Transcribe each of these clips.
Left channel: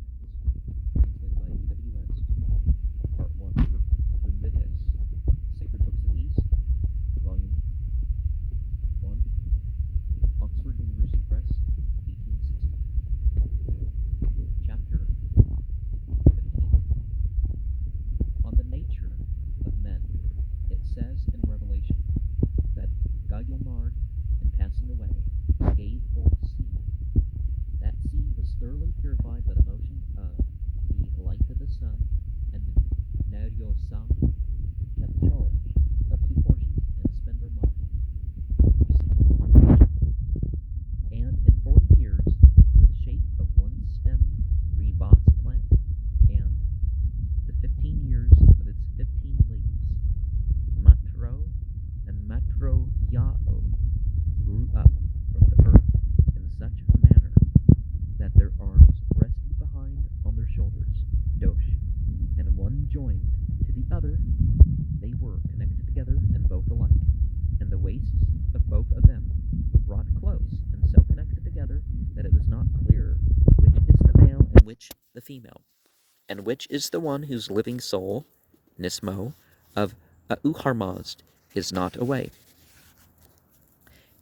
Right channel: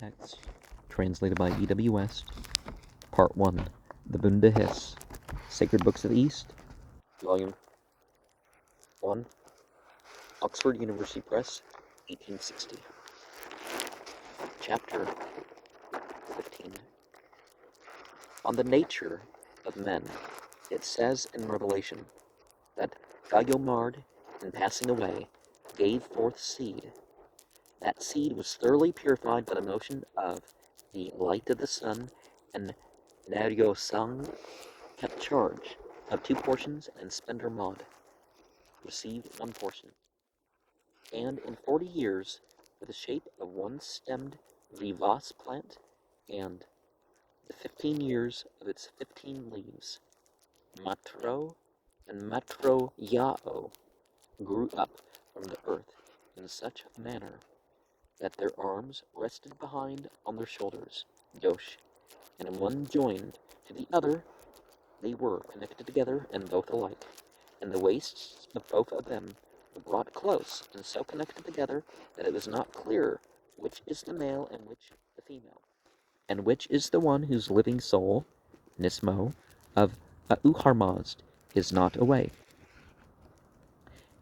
Text, translated by E.W. West. Part 1, The Bundahis, Sacred Books of the East, Volume 1, Oxford University Press, 1860. Chapter 15. On the nature of men, it says in Revelation that Gayomard, in passing away, gave forth seed. That seed was thoroughly purified by the motion of the light of the sun, and Naryosang kept charge of 2 portions, and Spender Mod received 1 portion. And in 40 years, with the shape of 1-stemmed vivas plant, and the 15 years of its 15 leaves, Matro and Matro Yao grew up from the earth in such a manner that their arms rested behind on their shoulders, Dosh, and in one joined to the other they were connected together and both alike, and the waists of both of them were brought close and so connected together that it was not clear which is the male and which the female, and which is the one whose living soul, Nismo, of Auharmazd, is not away.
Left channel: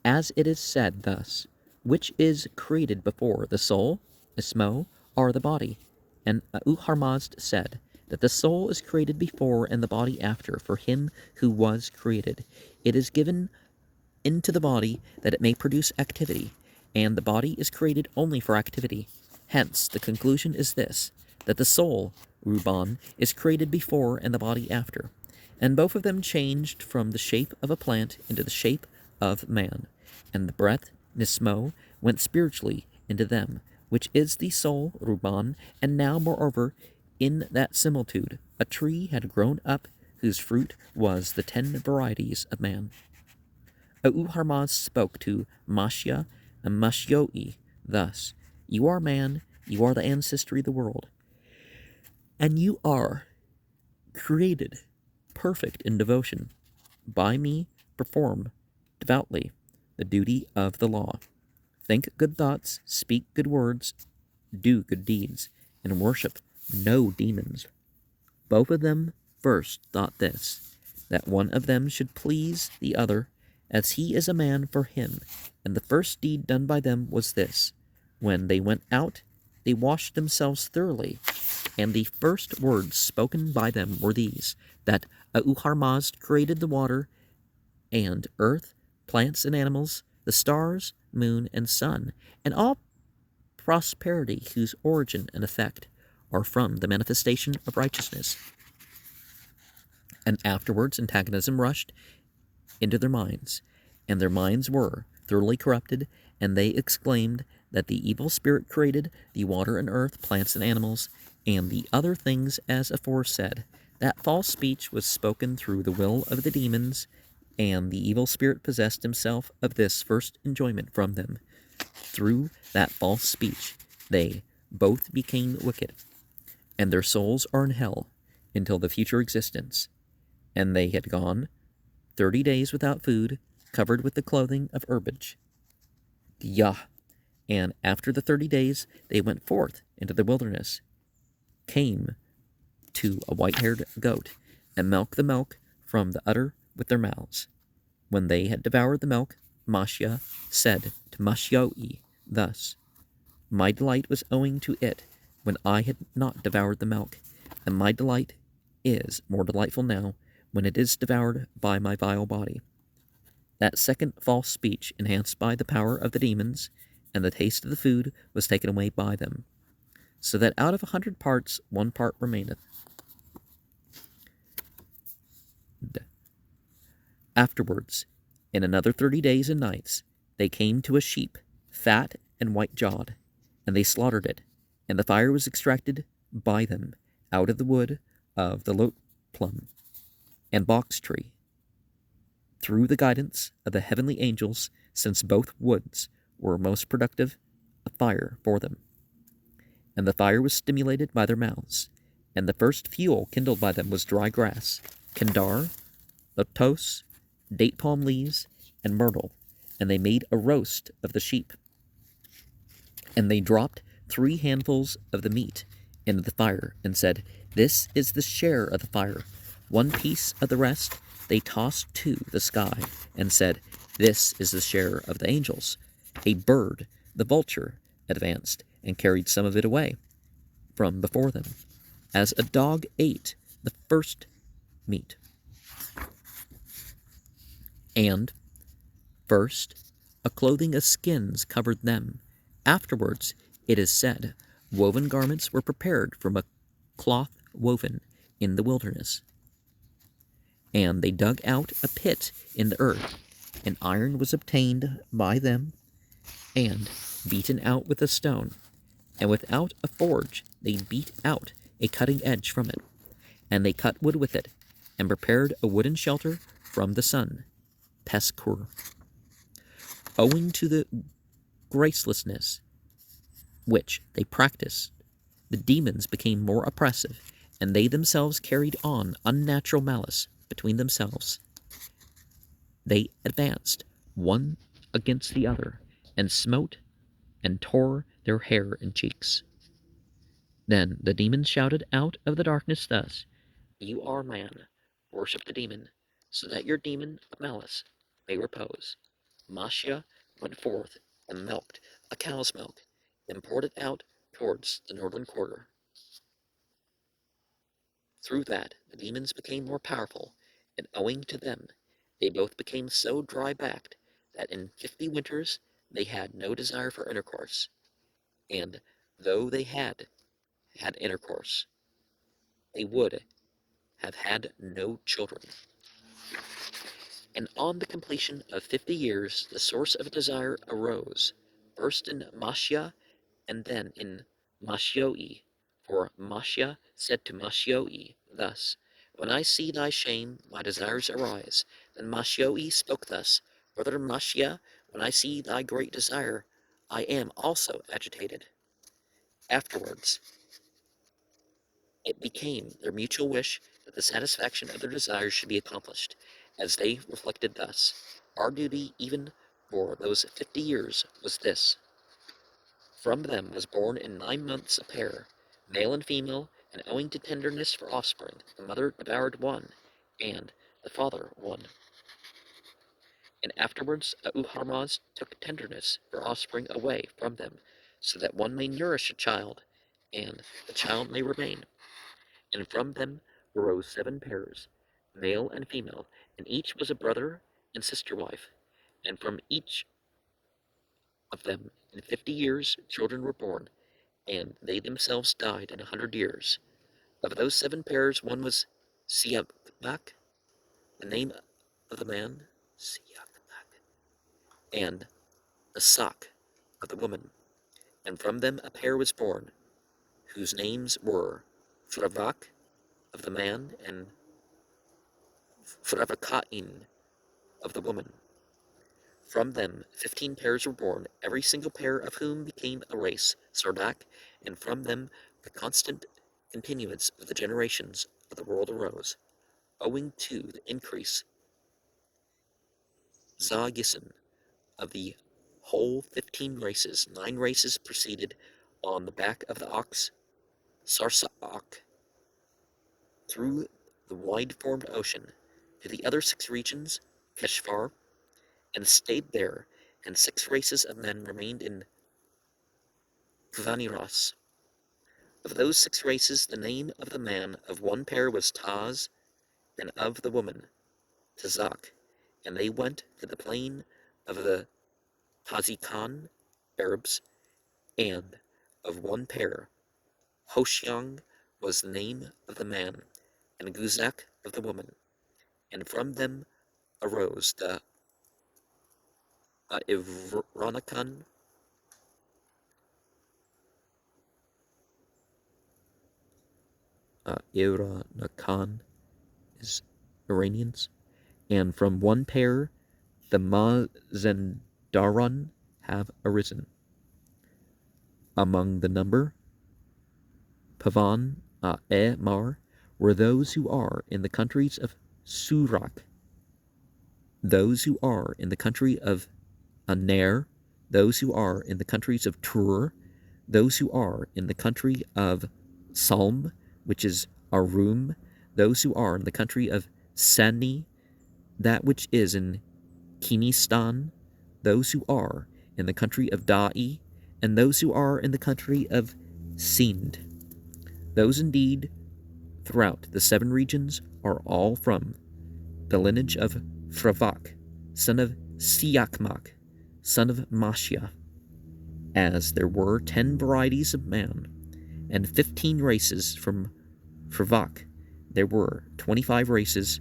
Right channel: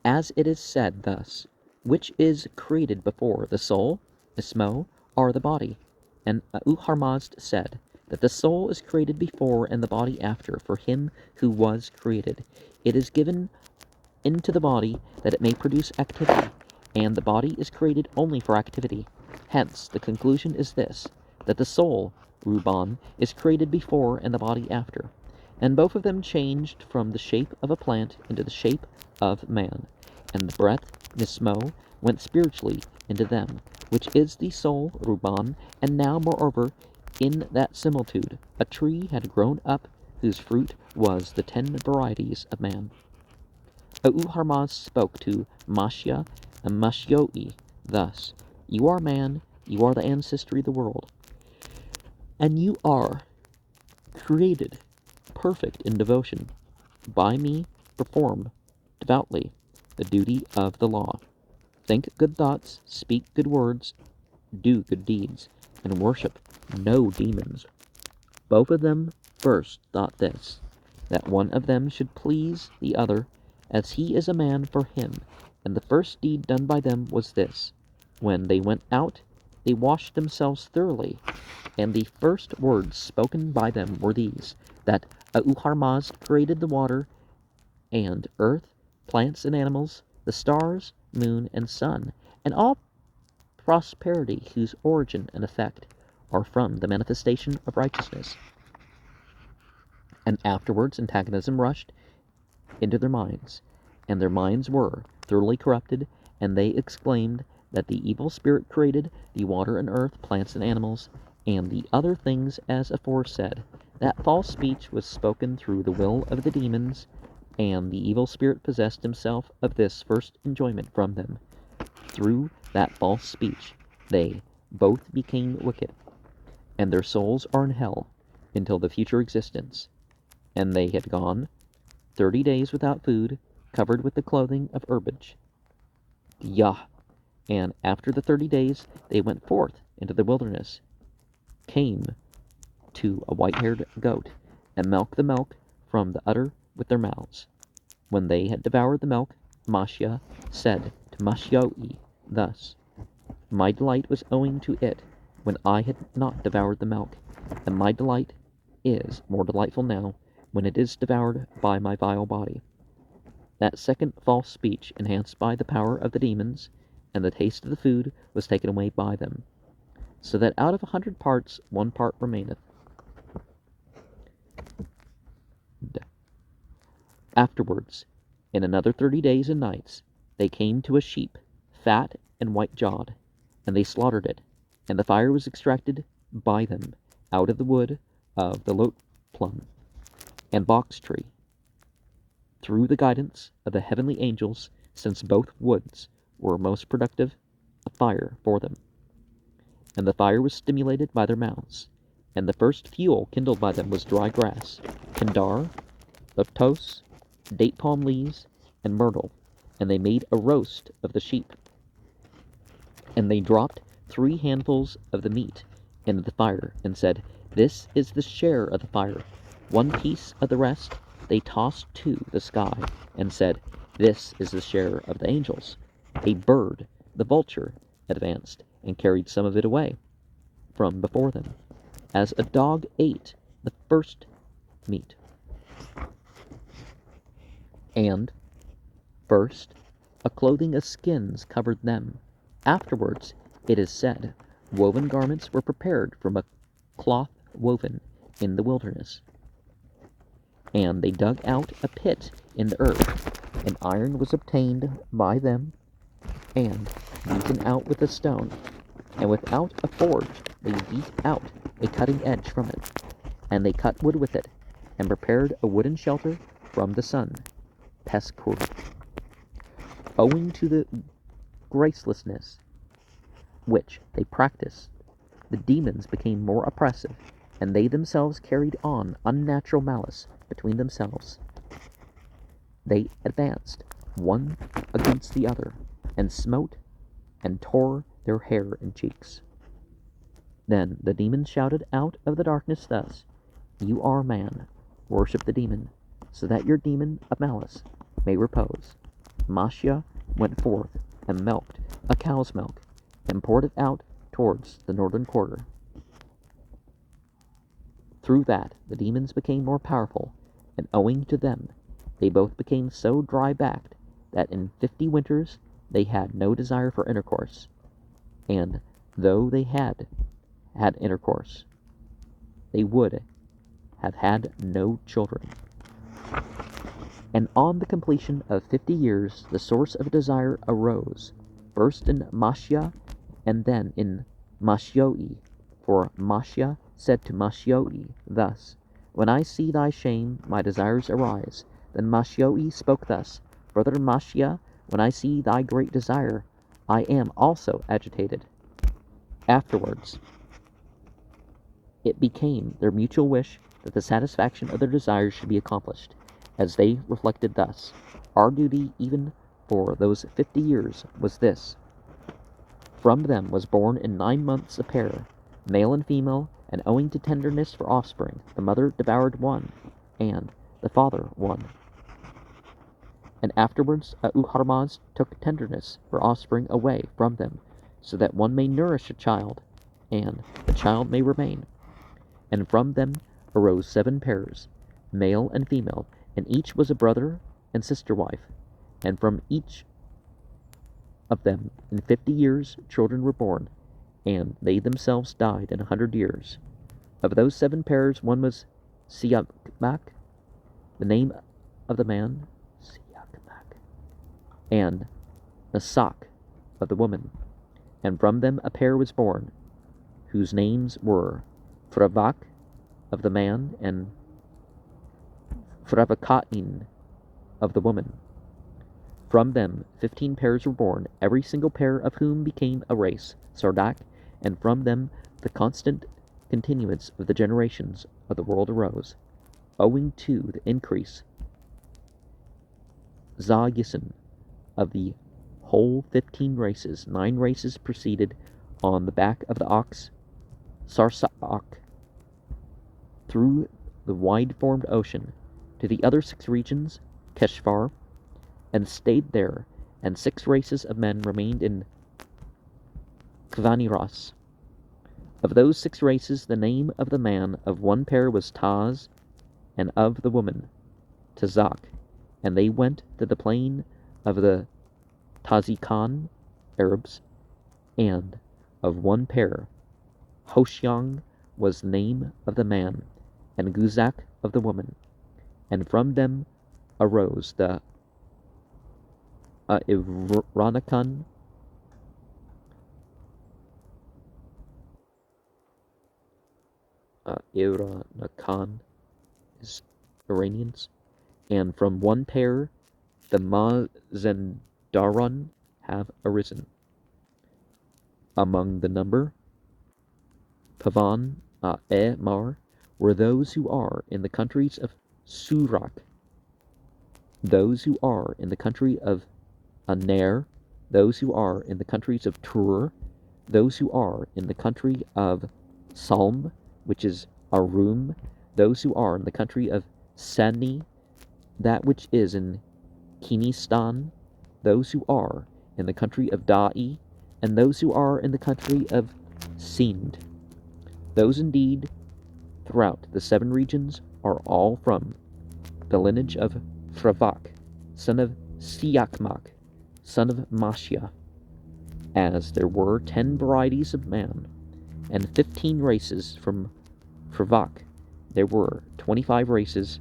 As it is said thus, which is created before the soul, Nismo, or the body? And Auharmazd said that the soul is created before and the body after for him who was created. It is given into the body that it may produce activity, and the body is created only for activity. Hence, the conclusion is this, that the soul, Ruban, is created before and the body after, and both of them changed from the shape of a plant into the shape of man, and the breath, Nismo, went spiritually into them, which is the soul, Ruban, and now, moreover, in that similitude, a tree had grown up whose fruit was the 10 varieties of man. Auharmaz spoke to Mashya and Mashyoi thus, You are man, you are the ancestry of the world, and you are created perfect in devotion. By me perform devoutly the duty of the law. Think good thoughts, speak good words, do good deeds, and worship no demons. Both of them first thought this, that one of them should please the other, as he is a man for him. And the first deed done by them was this. When they went out, they washed themselves thoroughly, and the first words spoken by them were these, that Auharmazd created the water and earth, plants and animals, the stars, moon, and sun, and all prosperity whose origin and effect are from the manifestation of righteousness. And afterwards antagonism rushed into their minds, and their minds were thoroughly corrupted, and they exclaimed that the evil spirit created the water and earth, plants and animals, and the other things as aforesaid. That false speech was spoken through the will of the demons, and the evil spirit possessed himself of this first enjoyment from them. Through that false speech they both became wicked, and their souls are in hell until the future existence. And they had gone 30 days without food, covered with the clothing of herbage. Yah! And after the 30 days they went forth into the wilderness, came to a white-haired goat, and milked the milk from the udder with their mouths. When they had devoured the milk, Mashya said to Mashyoi thus, My delight was owing to it when I had not devoured the milk, and my delight is more delightful now when it is devoured by my vile body. That second false speech, enhanced by the power of the demons, and the taste of the food was taken away by them, so that out of 100 parts 1 part remaineth. Afterwards, in another 30 days and nights, they came to a sheep, fat and white-jawed, and they slaughtered it, and the fire was extracted by them out of the wood of the lote plum and box tree, through the guidance of the heavenly angels, since both woods were most productive of fire for them. And the fire was stimulated by their mouths, and the first fuel kindled by them was dry grass, kendar, lotos, date palm leaves, and myrtle, and they made a roast of the sheep. And they dropped 3 handfuls of the meat into the fire, and said, "This is the share of the fire." 1 piece of the rest they tossed to the sky, and said, "This is the share of the angels." A bird, the vulture, advanced, and carried some of it away from before them, as a dog ate the first meat. And first a clothing of skins covered them. Afterwards, it is said, woven garments were prepared from a cloth woven in the wilderness. And they dug out a pit in the earth, and iron was obtained by them, and beaten out with a stone. And without a forge they beat out a cutting edge from it, and they cut wood with it, and prepared a wooden shelter from the sun, Peskur. Owing to the gracelessness which they practiced, the demons became more oppressive, and they themselves carried on unnatural malice between themselves. They advanced one against the other, and smote and tore their hair and cheeks. Then the demons shouted out of the darkness thus, "You are man, worship the demon, so that your demon of malice may repose." Mashia went forth and milked a cow's milk, and poured it out towards the northern quarter. Through that the demons became more powerful, and owing to them they both became so dry-backed that in 50 winters they had no desire for intercourse, and though they had intercourse, they would have had no children. And on the completion of 50 years, the source of desire arose, first in Mashia, and then in Mashioi. For Mashia said to Mashioi thus, "When I see thy shame, my desires arise." Then Mashioi spoke thus, "Brother Mashia, when I see thy great desire, I am also agitated." Afterwards, it became their mutual wish that the satisfaction of their desires should be accomplished, as they reflected thus, "Our duty even for those 50 years was this." From them was born in 9 months a pair, male and female, and owing to tenderness for offspring, the mother devoured one, and the father one. And afterwards Uharmaz took tenderness for offspring away from them, so that one may nourish a child, and the child may remain. And from them arose 7 pairs, male and female, and each was a brother and sister wife. And from each of them in 50 years children were born, and they themselves died in 100 years. Of those 7 pairs one was Siakmak, the name of the man, Siakmak, and Nasak of the woman. And from them a pair was born, whose names were Fravak of the man, and Fravakain of the woman. From them 15 pairs were born, every single pair of whom became a race, Sardak, and from them the constant continuance of the generations of the world arose, owing to the increase Zagisan of the whole 15 races. 9 races proceeded on the back of the ox, Sarsaak, through the wide-formed ocean to the other 6 regions, Keshvar, and stayed there, and 6 races of men remained in Kvaniras. Of those 6 races, the name of the man of one pair was Taz, and of the woman Tazak, and they went to the plain of the Tazikan Arabs, and of one pair Hoshyang was the name of the man, and Guzak of the woman, and from them arose the Iranakan, Iranakan is Iranians, and from one pair the Mazendaran have arisen. Among the number, Pavan Mar were those who are in the countries of Surak, those who are in the country of Aner, those who are in the countries of Tur, those who are in the country of Salm, which is Arum, those who are in the country of Sani, that which is in Kinistan, those who are in the country of Da'i, and those who are in the country of Sind. Those indeed throughout the 7 regions are all from the lineage of Fravak, son of Siakmak, son of Mashia. As there were 10 varieties of man, and 15 races from Fravak, there were 25 races,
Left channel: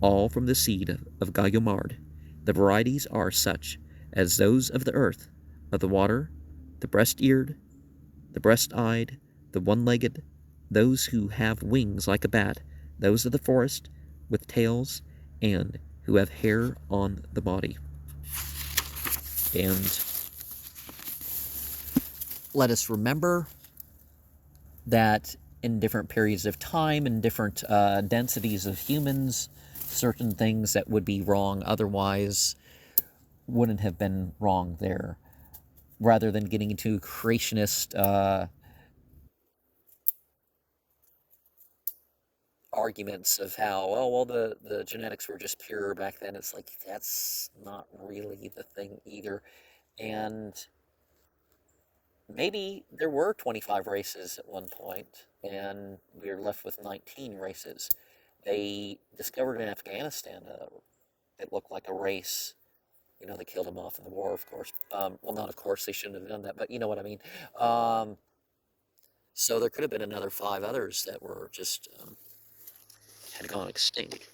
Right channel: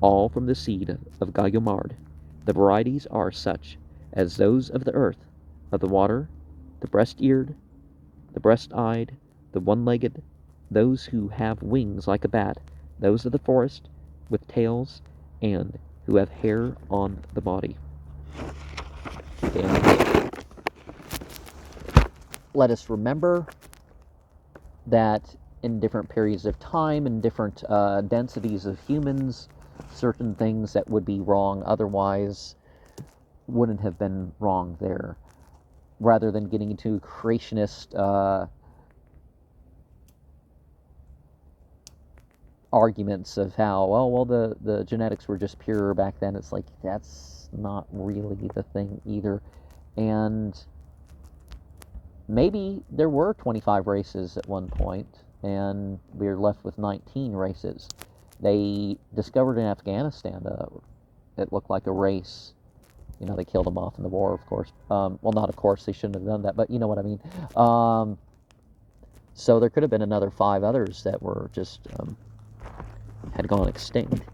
all from the seed of Gayomard. The varieties are such as those of the earth, of the water, the breast-eared, the breast-eyed, the one-legged, those who have wings like a bat, those of the forest with tails, and who have hair on the body. And let us remember that in different periods of time and different densities of humans, certain things that would be wrong otherwise wouldn't have been wrong there. Rather than getting into creationist arguments of how, well, the genetics were just pure back then, it's like, that's not really the thing either. And maybe there were 25 races at one point, and we were left with 19 races. They discovered in Afghanistan it looked like a race. You know, they killed them off in the war, of course. Well, not of course, they shouldn't have done that, but you know what I mean. So there could have been another 5 others that were just had gone extinct.